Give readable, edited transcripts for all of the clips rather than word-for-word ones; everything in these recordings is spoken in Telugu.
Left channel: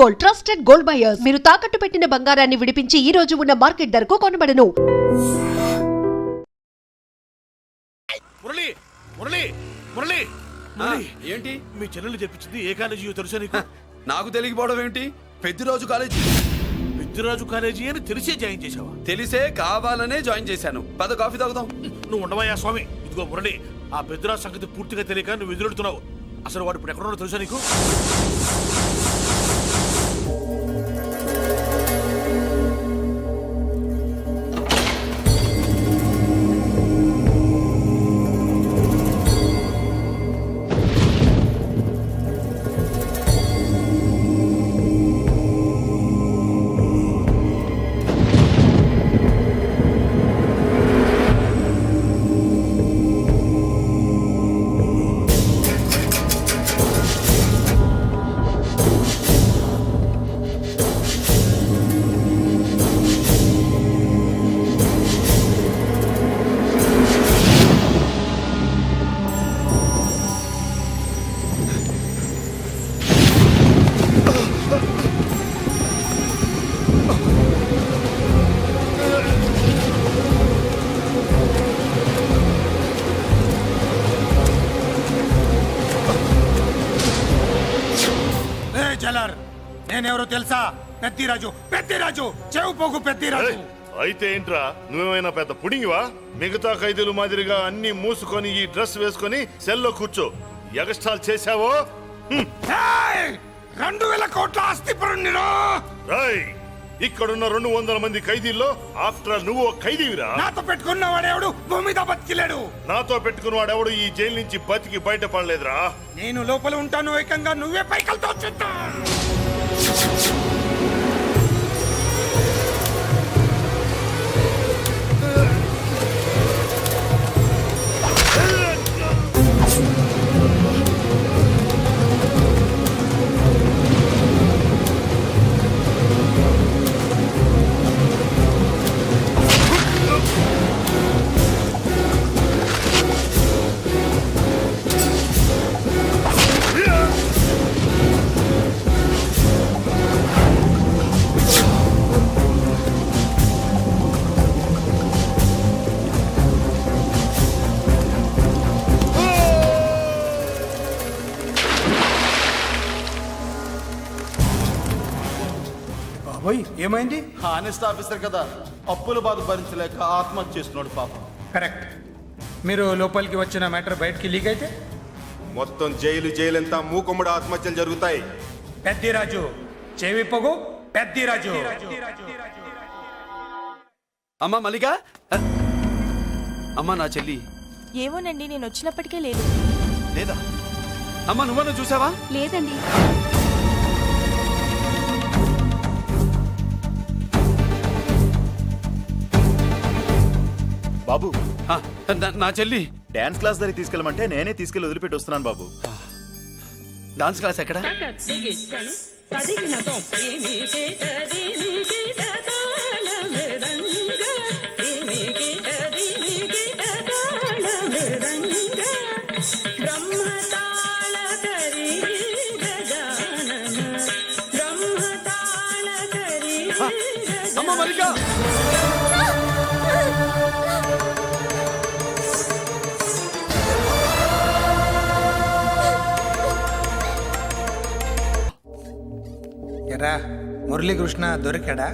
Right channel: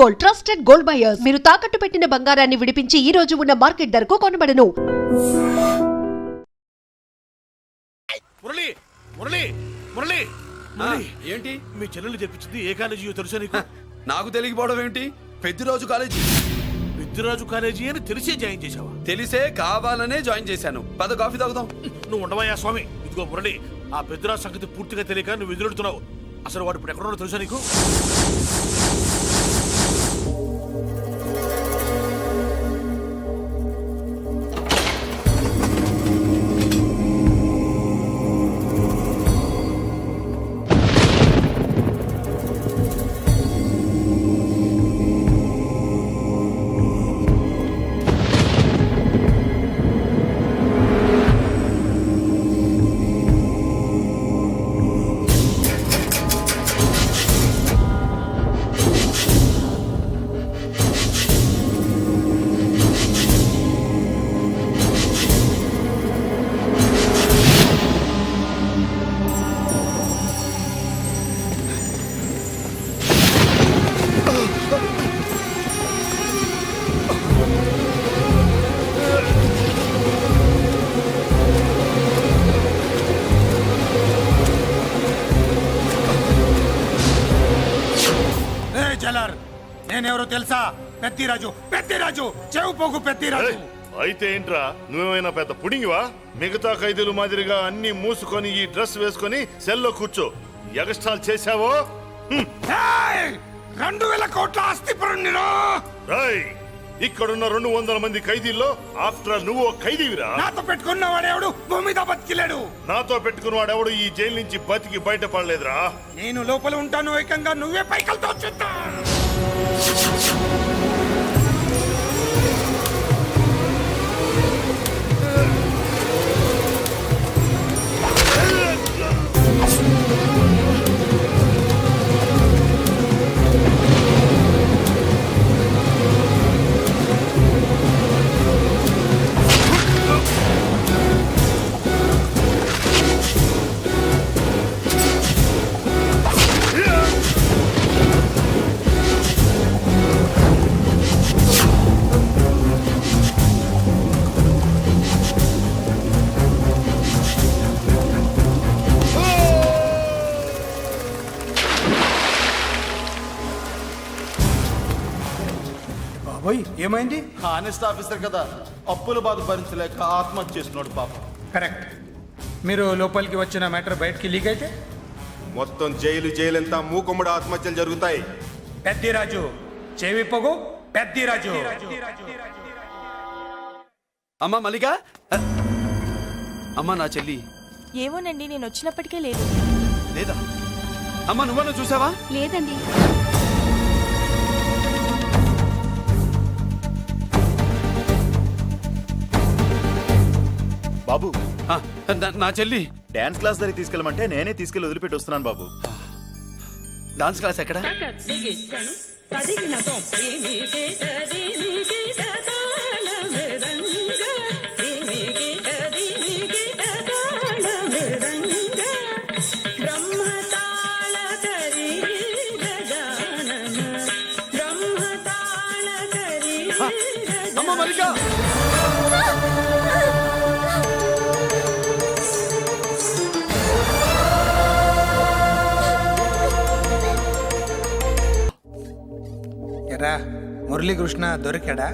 Gold, trusted gold buyers. మీరు తాకట్టు పెట్టిన బంగారాన్ని విడిపించి ఈ రోజు ఉన్న మార్కెట్ ధరకు కొనబడను. మురళి మురళి మురళి ఏంటి మీ చెల్లెలు చెప్పించింది ఏ కాలేజీ తెలుసా నీకు? నాకు తెలియకపోవడం ఏంటి? పెద్దిరాజు కాలేజీ. పెద్దిరాజు కాలేజీ అని తెలిసే జాయిన్ చేసావా? తెలిసే కావాలనే జాయిన్ చేశాను. పద కాఫీ తాగుదాం. నువ్వు ఉండవయ్యా స్వామి. ఇదిగో మురళి, ఆ పెద్దిరాజు సంగతి పూర్తిగా తెలియక నువ్వు ఎదురెడుతున్నావు. అసలు వాడు ఇప్పుడు ఎక్కడున్నాడో తెలుసా నీకు? జలర్, నేనెవరో తెలుసా? పెద్దిరాజు, పెద్దిరాజు, చెవు పోగు పెద్దిరాజు. అయితే ఏంట్రా, నువ్వేమైనా పెద్ద పుడింగివా? మిగతా ఖైదీలు మాదిరిగా అన్ని మూసుకొని ఈ డ్రెస్ వేసుకొని సెల్లో కూర్చో. ఎగస్ట్రాల్ చేశావో 2000 కోట్ల ఆస్తి పరుణ్ణిరా. రాయ్, ఇక్కడున్న 200 మంది ఖైదీల్లో ఆఫ్టర్ ఆల్ నువ్వు ఖైదీవిరా. నాతో పెట్టుకున్నవాడెవడు భూమి మీద బతికిలేడు. నాతో పెట్టుకున్నవాడెవడు ఈ జైలు నుంచి బతికి బయటపడలేదురా. నేను లోపల ఉంటాను, ఏకంగా నువ్వే పైకలతో చూద్దా. ఏమైంది? హానెస్ట్ ఆఫీసర్ కదా, అప్పుల బాధ భరించలేక ఆత్మహత్య చేస్తున్నాడు పాపం. కరెక్ట్. మీరు లోపలికి వచ్చిన మ్యాటర్ బయటికి లీక్ అయితే మొత్తం జైలు అంతా మూకుమ్మడి ఆత్మహత్యలు జరుగుతాయి. పెద్దిరాజు, చెవి పొగు పెద్దిరాజు. అమ్మా మల్లిక, అమ్మా నా చెల్లి. ఏమోనండి, నేను వచ్చినప్పటికే లేదు. లేదా అమ్మా, నువ్వన్నా చూసావా? లేదండి. బాబు, నా చెల్లి డాన్స్ క్లాస్ దగ్గర తీసుకెళ్ళమంటే నేనే తీసుకెళ్లి వదిలిపెట్టి వస్తున్నాను బాబు. డాన్స్ క్లాస్ ఎక్కడ? అమ్మ మల్లిక, ఎరా మురళీకృష్ణ దొరికాడా?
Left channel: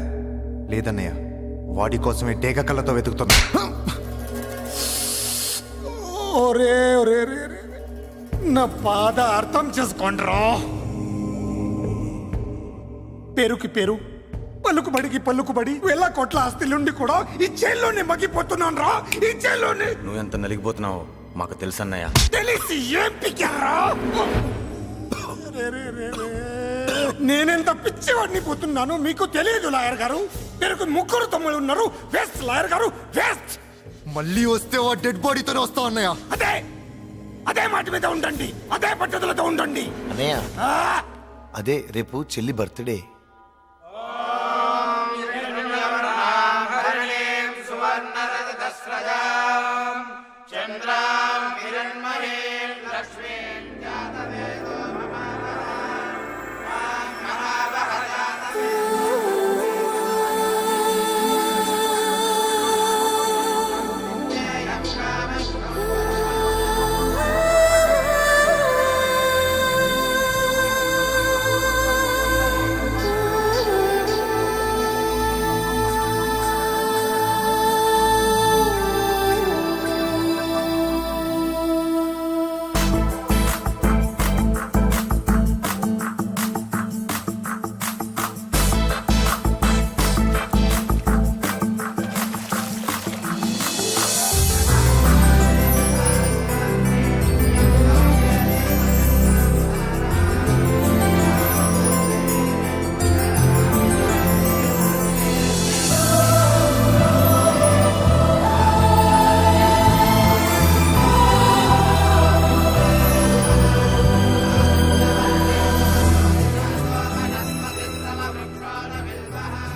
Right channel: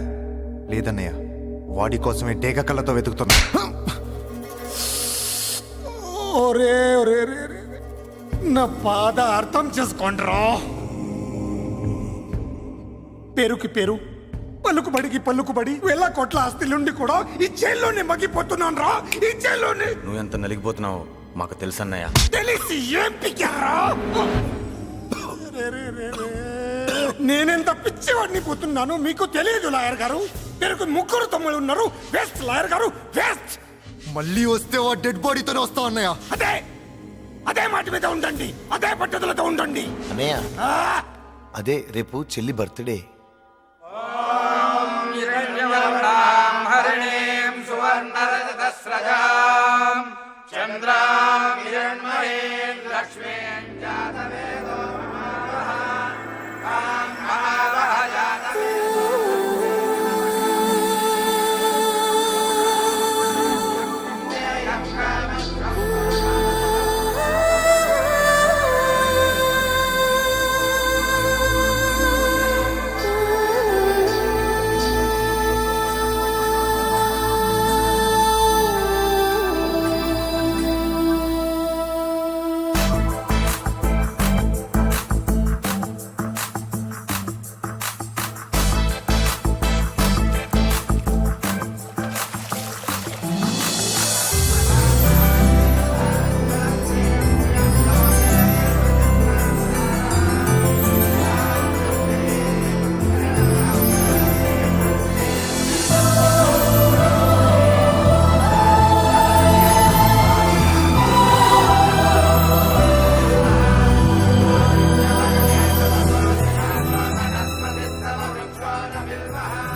లేదన్నయ్య, వాడి కోసమే డేగ కళ్ళతో వెతుకుతున్నా. ఒరే ఒరే నా బాధ అర్థం చేసుకోండిరా. పేరుకి పేరు, పలుకుబడికి పలుకుబడి 1000 కోట్ల ఆస్తిలుండి కూడా ఈ జైల్లోనే మగ్గిపోతున్నాను రా. ఈ జైల్లోనే నువ్వెంత నలిగిపోతున్నావు మాకు తెలుసన్నయ్య. తెలిసి ఏం పిక్కారా? నేనెంత పిచ్చివాడిని పోతున్నాను మీకు తెలియదు లాయర్ గారు. పేరుకు 3 తమ్ముళ్ళు ఉన్నారు. వేస్ట్ లాయర్ గారు, వేస్ట్. మళ్ళీ వస్తే ఆ డెడ్ బాడీతోనే వస్తావు అన్నయ్య. అదే మాట మీద ఉండండి, అదే పట్టుదలతో ఉండండి అన్నయ్య. అదే రేపు చెల్లి బర్త్డే. మహావహ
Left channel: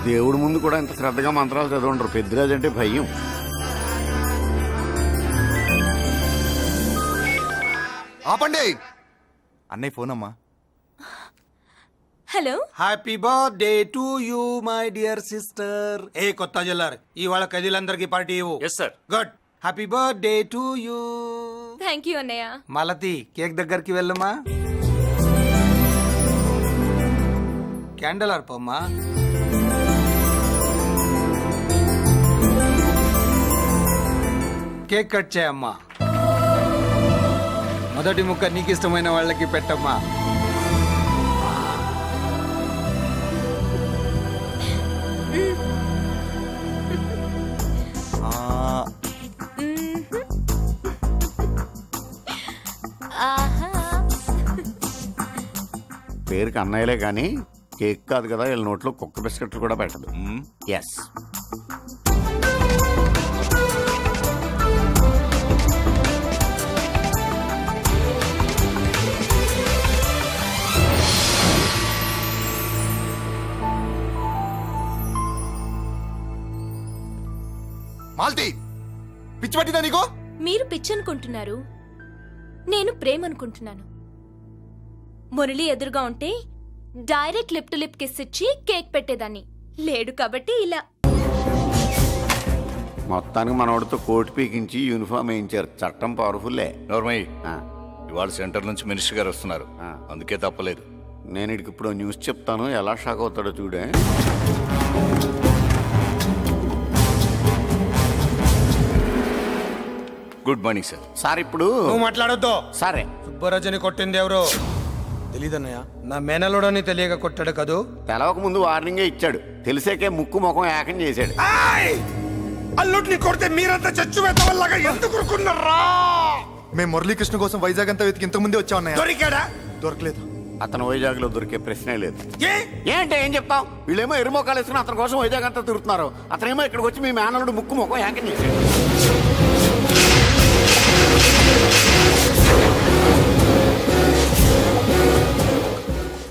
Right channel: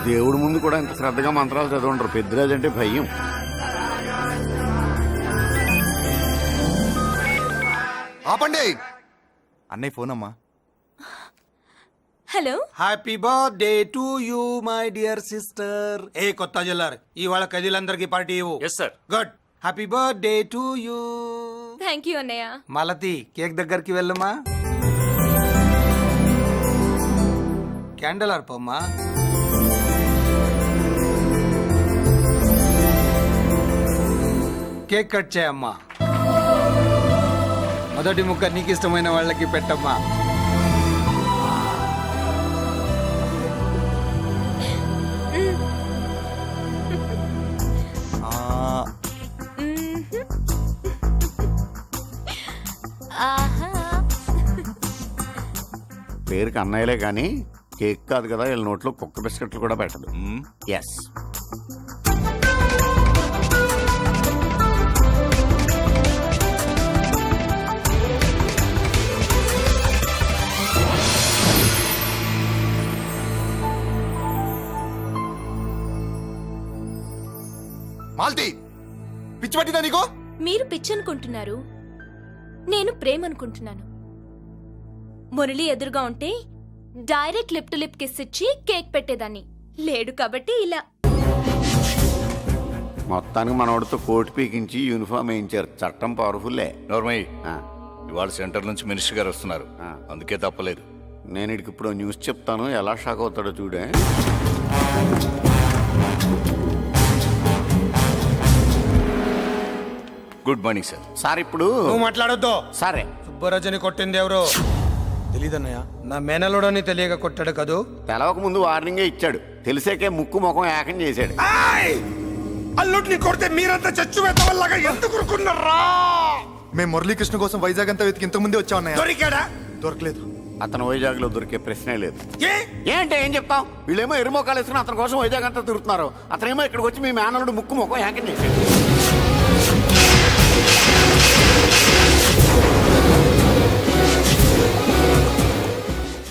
దేవుడి ముందు కూడా ఇంత శ్రద్ధగా మంత్రాలు చదవంటారు. పెద్దిరాజు అంటే భయం. ఆపండి. అన్నయ్య ఫోన్ అమ్మా. Hello. Happy birthday to you my dear sister. ఏ కొత్త జిల్లార్ ఇవాళ కదిలందరికి పార్టీ ఇవ్వు. Yes sir. Good. Happy birthday to you. Thank you అన్నయ్య. మాలతి కేక్ దగ్గరికి వెళ్ళమ్మా. క్యాండల్ అర్పమ్మా. కేక్ కట్ చేయమ్మా. మొదటి ముక్క నీకు ఇష్టమైన వాళ్ళకి పెట్టమ్మా. ఆహా. పేరుకి అన్నయ్యలే కానీ కేక్ కాదు కదా, వీళ్ళ నోట్లో కుక్క బిస్కెట్లు కూడా పెట్టదు. ఎస్. మాల్తి, పిచ్చి పట్టిందా నీకు? మీరు పిచ్చి అనుకుంటున్నారు, నేను ప్రేమ అనుకుంటున్నాను. మురళి ఎదురుగా ఉంటే direct lip to lip kiss ఇచ్చి కేక్ పెట్టేదాన్ని. లేడు కాబట్టి ఇలా. మొత్తానికి మనోడితో కోట్ పీకించి యూనిఫామ్ వేయించారు. చట్టం పవర్ఫుల్లే. నోర్మయ్య, ఇవాళ సెంటర్ నుంచి మినిస్టర్ గారు వస్తున్నారు, అందుకే తప్పలేదు. నేను ఇడికి ఇప్పుడు న్యూస్ చెప్తాను, ఎలా షాక్ అవుతాడో చూడే. Good morning sir. సార్ ఇప్పుడు నువ్వు మాట్లాడొద్దు. సరే. సుబ్బరాజుని కొట్టింది ఎవరు? తెలీదన్నయ్య. నా మేనలోడని తెలియక కొట్టాడు కదూ. తెలవక ముందు వార్నింగే ఇచ్చాడు, తెలిసాకే ముక్కు ముఖం ఏకం చేశాడు. అల్లుడిని కొడితే మీరంతా చచ్చువేత వల్లగా ఎందుకు ఊరుకున్నారా? మేము మురళీకృష్ణ కోసం వైజాగ్ అంతా వెతికి ఇంతకు ముందే వచ్చా అన్నయ్య. దొరికాడా? దొరకలేదు. అతను వైజాగ్ లో దొరికే ప్రశ్నే లేదు. ఏ? ఏంటే ఏం చెప్తాం? వీళ్ళేమో ఎరుమోకాలు వేసుకుని అతని కోసం వైజాగ్ అంతా తిరుగుతున్నారు. అతనేమో ఇక్కడికి వచ్చి మీ మేనలుడు ముక్కు ముఖం ఏకం చేశాడు.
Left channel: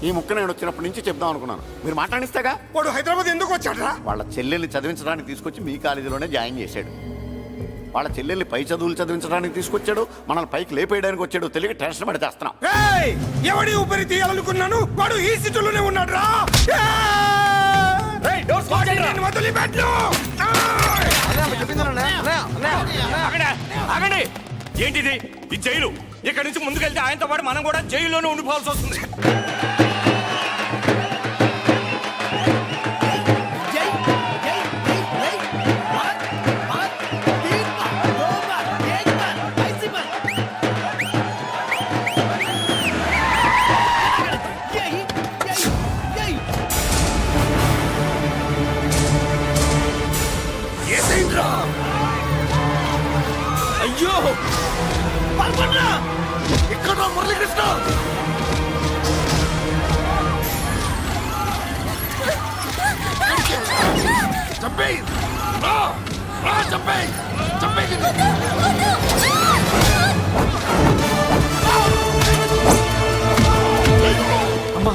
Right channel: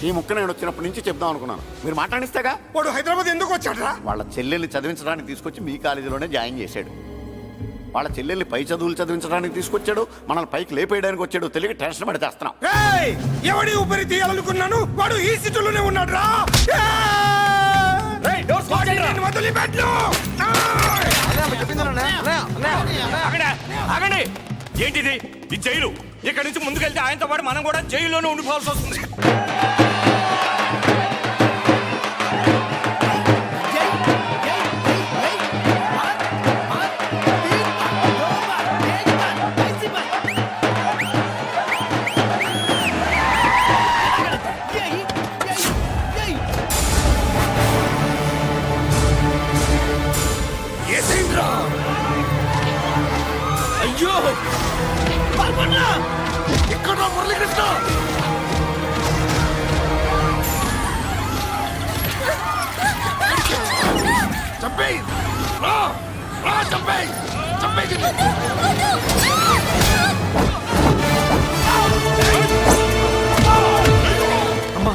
ఈ ముక్క నేను వచ్చినప్పటి నుంచి చెప్దాం అనుకున్నాను, మీరు మాట్లాడిస్తేగా. వాడు హైదరాబాద్ ఎందుకు వచ్చాడరా? వాళ్ళ చెల్లెల్ని చదివించడానికి తీసుకొచ్చి మీ కాలేజీలోనే జాయిన్ చేశాడు. వాళ్ళ చెల్లెల్ని పై చదువులు చదివించడానికి తీసుకొచ్చాడు, మనల్ని పైకి లేపేయడానికి వచ్చాడు. తెలియక టెన్షన్ పడి చేస్తున్నాం. ఎవడి ఊపిరి తీయాలనుకున్నాను, వాడు ఈ సిటీలోనే ఉన్నాడు రా. ఆగండి. ఏంటిది? ఈ జైలు. ఇక్కడ నుంచి ముందుకెళ్తే ఆయనతో పాటు మనం కూడా జైల్లోనే ఉండిపోవాల్సి వస్తుంది. అయ్యో ఇక్కడ మురళీకృష్ణ. చంపేయ్, చంపేయ్, చంపేయ్. అమ్మా,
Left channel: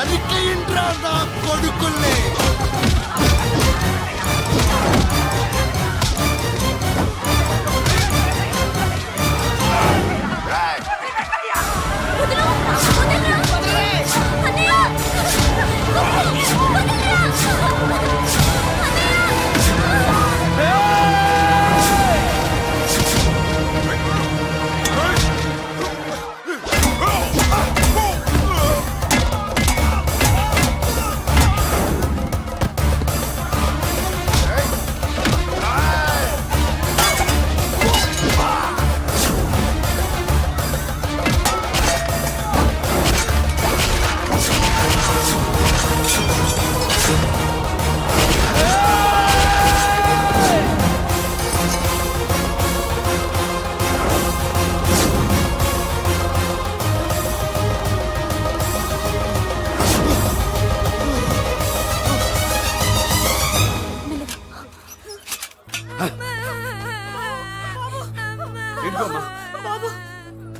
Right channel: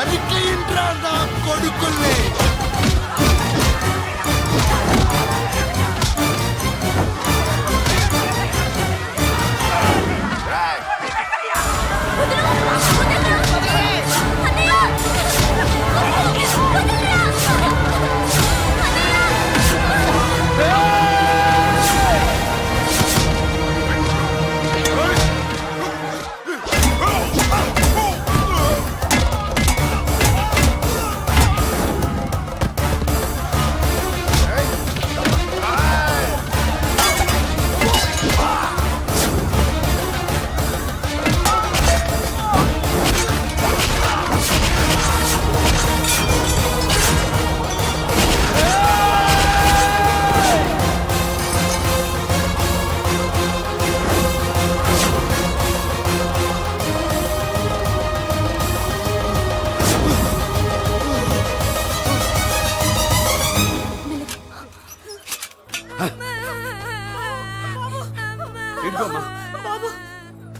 నరికేయండ్రా నా కొడుకుల్ని.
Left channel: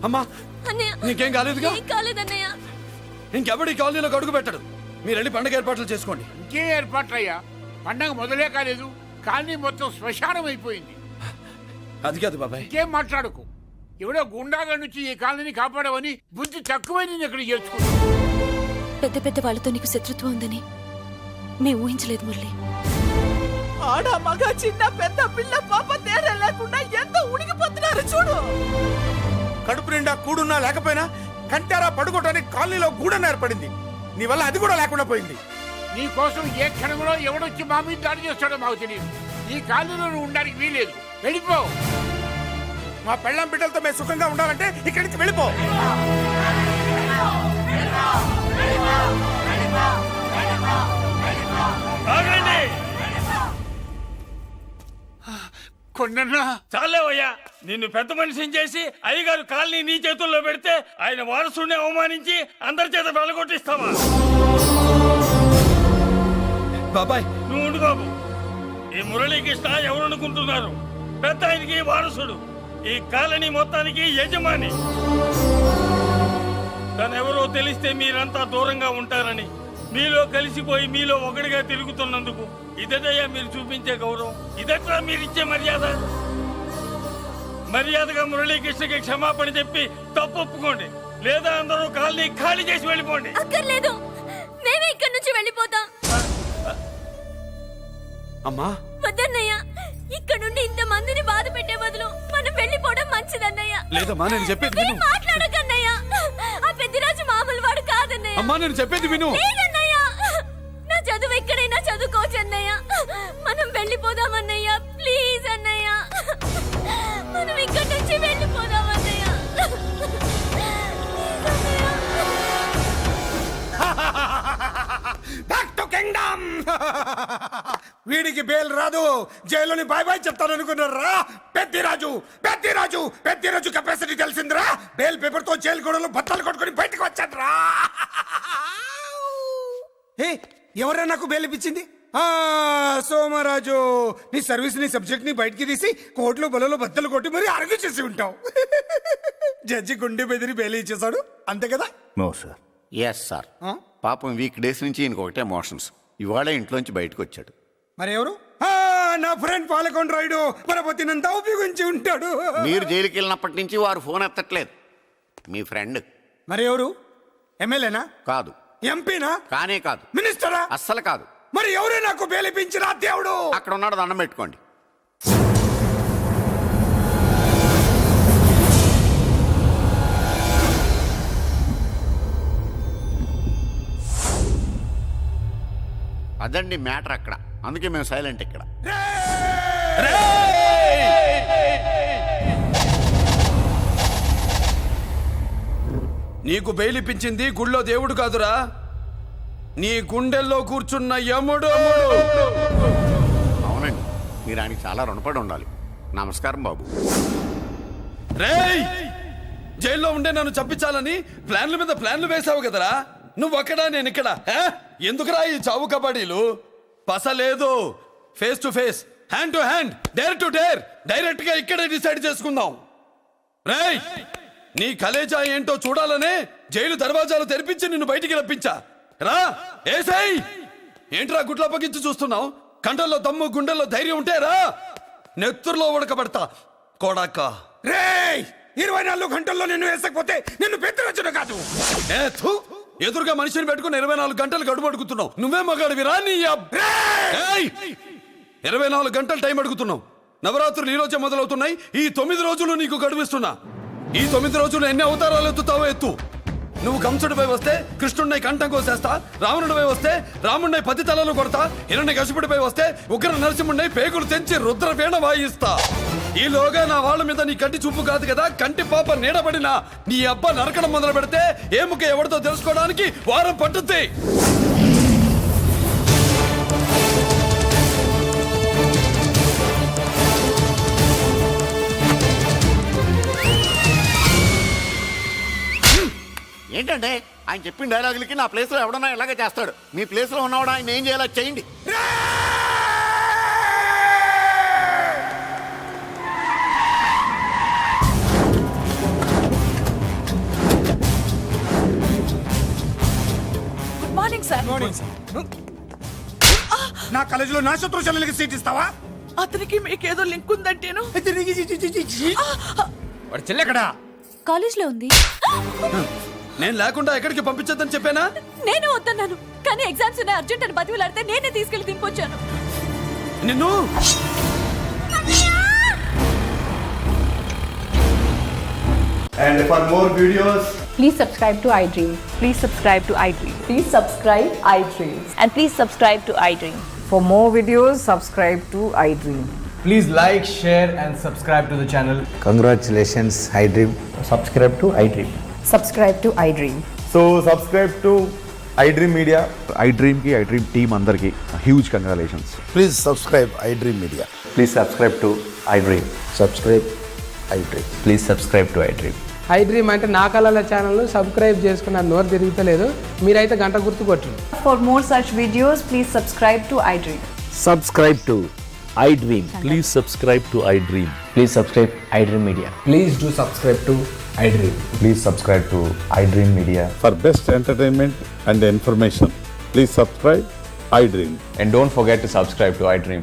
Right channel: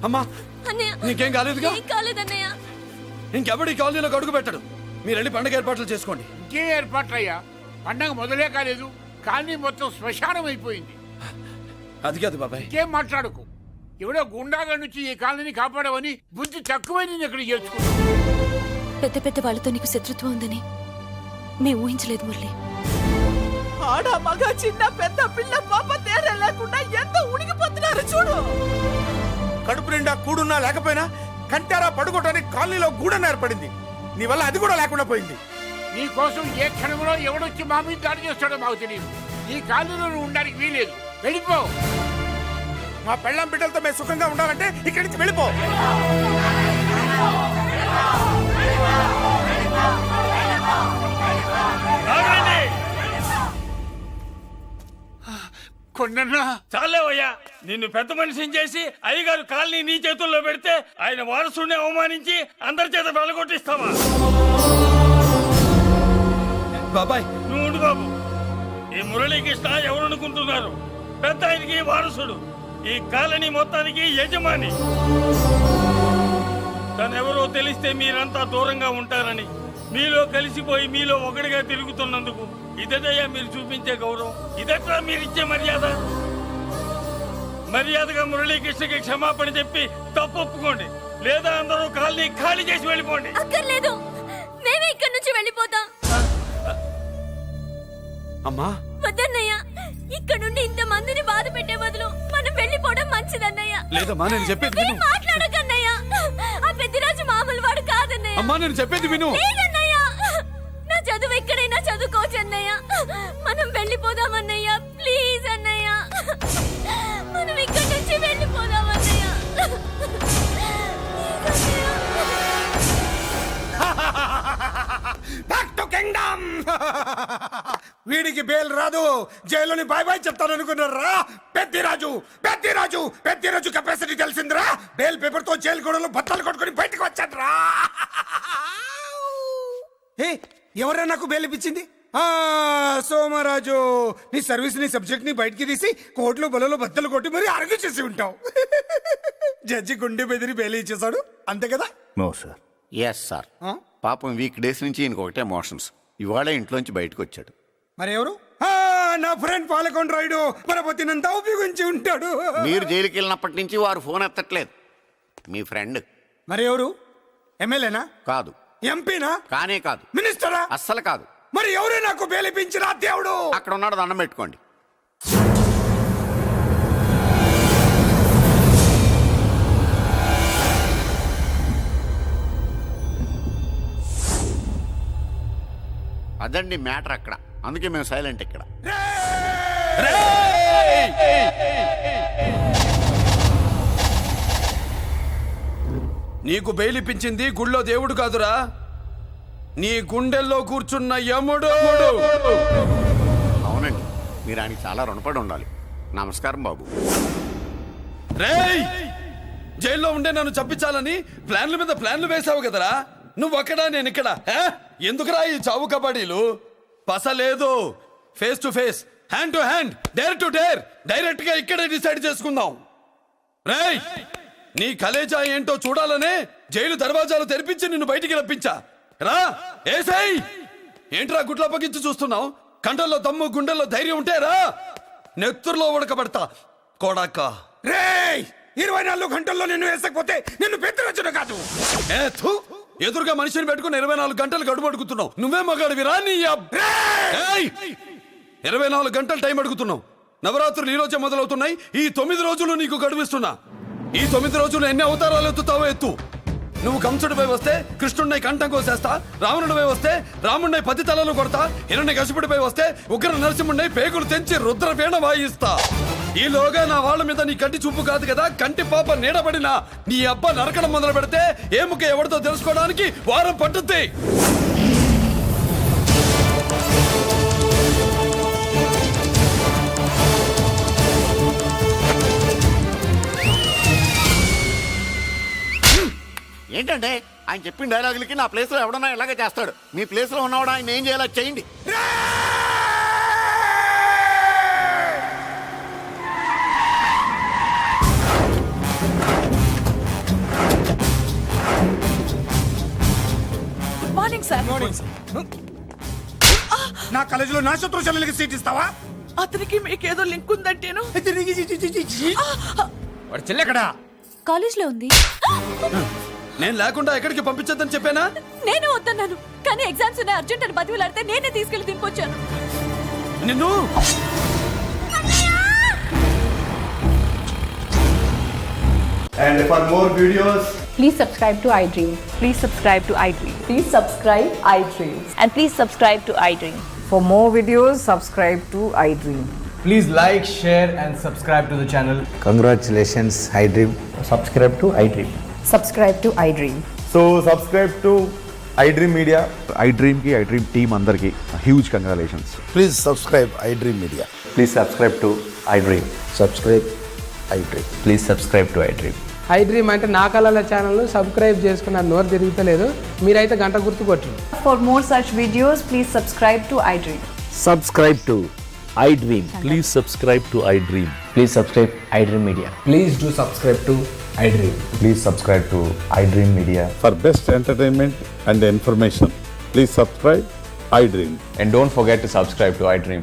అమ్మా అన్నయ్య నీకేం కాలేదుగా? ఏం కాలేదన్నయ్య. ఇంకెవడి కాలనీలో అడుగు పెట్టడు. మీరు వెళ్ళి పండుగ ఏర్పాట్లు చేసుకోండి. ఇంకే ఏర్పాట్లయ్యా? పండగ మొదలే కాలేదు, కాలనీ మొత్తం శ్మశానం అయిపోయింది. అది కాదు బాబాయ్. ఇంకేం మాట్లాడుకు. ఎవడో గుండాగా నుంచి ఈ కాలనీని కాపాడవని బుద్ధి తక్కువై నేను ఇక్కడ చేర్చుకున్నాను. పెద్ద పెద్ద వాళ్ళతో నీకు శత్రుత్వం ఉందని మేము ఊహించలేదు మురళి. ఆడ మగ చిన్న పెద్ద పిల్ల పాప తేడా లేకుండా ఎంత ఉడికిపోతున్నారు చూడు. కడుపు నిండా కూడున్నా లేకపోయినా కంటారా పడుకోవటానికి కాలనీలో గూడన ఏర్పడింది. నీ వల్ల అది కూడా లేకుండా పోయింది. నీ కోసం ఏ క్షణంలో ఎవడొచ్చి మా మీద దాడి చేస్తాడో మాకు తెలియదు. ఈ కాలనీలో నువ్వు ఉండడానికి వీలేదు. వెళ్ళిపో. మా పెళ్ళాం బిడ్డలతో మేము సుఖంగా ఉండాలంటే ఇక్కడి నుంచి వెళ్ళిపో. కొండన్నా చాలేవయ్యా, నిన్ను పెద్ద మనిషిని చేసి అయ్యగారు కాలనీ నీ చేతుల్లో పెడితే ఆయన వారసుని అవమానించి అందరి చేత వెళ్ళగొట్టిస్తావా? బాబాయ్ నువ్వు ఉండు బాబు. ఈ మురళీకృష్ణ ఎవరనుకుంటున్నారు? పెద్ద ఆయనకి వారసుడు, ఈ కాలనీ మొత్తానికి యజమాని. తనెవరో తెలిస్తే మీరంతా దూరంగా ఉంటారని మీలో కలిసిపోయి మీలో ఒకటిగా తిరుగుతున్నందుకు ఇదటయ్యా మీరు చూపించే గౌరవం, ఇదట్లా మీరిచ్చే మర్యాద. మర్యాదగా మురళీకృష్ణకి క్షమాపణ చెప్పి తప్పు ఒప్పుకోండి, లేదా అందరూ కాలనీ ఖాళీ చేసి వెళ్ళిపోండి. అక్కర్లేదు, మేమే ఇక్కడి నుంచి వెళ్ళిపోతాం. అమ్మా వద్దన్నయ్య, ఇక్కడ నుండి ఇంత మందిని బాధ పెట్టే బదులు మనం వెళ్ళిపోవడం మంచిదన్నయ్య. లేదమ్మా, నేను చెప్పేది విను. మాట్లాడకన్నయ్య, ఆ పెద్దిరాజు మామూలు వాడు కాదన్నయ్య. అమ్మా నేను చెప్పేది విను. లేదన్నయ్య, నా చదువు ఎక్కడైనా చదువుకోవచ్చు అన్నయ్య. మనం వెళ్ళిపోదామన్నయ్య, ప్లీజ్ అన్నయ్య. మనం ఇక్కడి నుంచి వెళ్ళిపోదామన్నయ్య. Back to kingdom. వీడికి బెయిల్ రాదు, జైల్లోని బాయ్ బాయ్ చెప్తాను అనుకున్నారా? పెద్దిరాజు పెద్దిరాజు పెద్దిరాజు కెపాసిటీ తెలిసిందిరా. బెయిల్ పేపర్ తో జైలు గోడలు బట్టలు కొట్టుకుని బయటకు వచ్చాడ్రా. ఎవరా నాకు బెయిల్ ఇప్పించింది? సోమరాజు. నీ సర్వీస్ నీ సబ్జెక్ట్ ని బయటికి తీసి కోర్టులో బలలో బద్దలు కొట్టి మరి అరుగు చేసి ఉంటావు. జడ్జి గుండె బెదిరి బెయిల్ ఇచ్చేసాడు, అంతే కదా? No sir. Yes sir. పాపం వీక్ డేస్ నుంచి ఇంకొకటే మోషన్స్. ఇవాళ ఇంట్లోంచి బయటకు వచ్చాడు. మరి ఎవరు? నా ఫ్రెండ్ పాలకొండ రాయుడు పరపతినంతా ఉపయోగించి ఉంటాడు. మీరు జైలుకి వెళ్ళినప్పటి నుంచి వారు ఫోన్ ఎత్తట్లేదు. మీ ఫ్రెండ్. మరి ఎవరు? ఎమ్మెల్యేనా? కాదు. ఎంపీనా? కానే కాదు. మినిస్టరా? అస్సలు కాదు. మరి ఎవరే నాకు బేలిపించిన దేవుడు? అక్కడ ఉన్నాడు, దండం పెట్టుకోండి. అదండి మ్యాటర్ అక్కడ. అందుకే మేము సైలెంట్ ఇక్కడ. నీకు బెయిలిపించింది గుళ్ళో దేవుడు కాదురా, నీ గుండెల్లో కూర్చున్న యముడు. అవునండి, మీరు ఆయనకి చాలా రుణపడి ఉండాలి. నమస్కారం బాబు. రేయ్, జైల్లో ఉండే నన్ను చంపించాలని ప్లాన్ల మీద ప్లాన్లు వేసావు కదరా. నువ్వు అక్కడ నేను ఇక్కడ. ఎందుకురా ఈ చావు కబడ్డీలు? పసలేదు. Face to face, hand to hand, dare to dare, direct గా ఇక్కడే డిసైడ్ చేసుకుందాం. రేయ్, నీ కలేజా ఏంటో చూడాలనే జైలు దర్వాజాలు తెరిపించి నిన్ను బయటికి రప్పించా. రా ఏసై ఏంట్రా గుడ్ల పగించి చూస్తున్నావు? కంటల్లో దమ్ము గుండెల్లో ధైర్యం ఉంటే రా, నెత్తురులో ఉడకబెడతా కొడాక. రేయ్ 24 గంటల్లో నిన్ను వేసకపోతే నిన్ను పెద్దరచుడు కాదు. ఎదురుగా మనిషిని పెట్టుకుని 24 గంటలు గడుపు అడుగుతున్నావు. నువ్వే మగాడివిరా నీ 24 గంటలు టైం అడుగుతున్నావు. నవరాత్రులు ఈ రోజే మొదలవుతున్నాయి. ఈ 9 రోజులు నీకు గడువిస్తున్నా. ఈ 9 రోజులు ఎన్ని అవతారాలు ఎత్తుతావో ఎత్తు. నువ్వు కంసుడిపై వస్తే కృష్ణుడిని కంఠం కోసేస్తా, రావణుడిపై వస్తే రాముడిని 10 తలలు కొడతా, హిరణ్యకశిపుడిపై వస్తే ఉగ్ర నరసింహుడిని పేగులు తెంచి రుద్రవీణ వాయిస్తా. ఈలోగా నా వాళ్ళ మీద నీ కంటి చూపు కాదు కదా, కంటి పాప నీడబడినా నీ అబ్బ నరకడం మొదలు పెడితే ఏముక ఎవరితో తెలుసుకోవడానికి వారం పట్టుద్ది. ఏంటంటే ఆయన చెప్పిన డైలాగులకి నా ప్లేస్లో ఎవడన్నా ఇలాగే చేస్తాడు. మీ ప్లేస్లో ఉన్నవాడు ఆయన ఏం చేయాలో చేయండి. Good morning sir. నా కాలేజీలో నా శత్రు చెల్లెలకి సీట్ ఇస్తావా? అతనికి మీకేదో లింక్ ఉందంటేను. వాడు చెల్లెక్కడా? కాలేజ్లో ఉంది. నేను లేకుండా ఎక్కడికి పంపించొద్దని చెప్పానా? నేను వద్దన్నాను, కానీ ఎగ్జామ్స్ ఉన్నాయి అర్జెంట్ అని బతిలాడితే నేనే తీసుకెళ్లి దింపొచ్చాను. నిన్ను And for more videos, Please subscribe to iDream. Please subscribe to iDream. Please subscribe iDream. And please subscribe to iDream. For more videos, subscribe to iDream. Please like, share and subscribe to the channel. Congratulations iDream. Subscribe to iDream. Subscribe to iDream. so subscribe to iDream Media. iDream ki iDream team andarki huge congratulations. Please subscribe iDream media. Please subscribe to iDream. Subscribe iDream. Please subscribe to iDream. iDream అంటే నా కళల ఛానల్ సబ్స్క్రైబ్ చేసుకున్న నోరు తిరుగుతలేదు. మీరైతే గంట గుర్తు కొట్టండి. For more such videos, please subscribe to iDream. Subscribe to iDream. Please subscribe to iDream. Please subscribe iDream Media. Please do subscribe to iDream. Please subscribe to iDream Media. For best entertainment and information, please subscribe iDream. And don't forget to subscribe to iDream.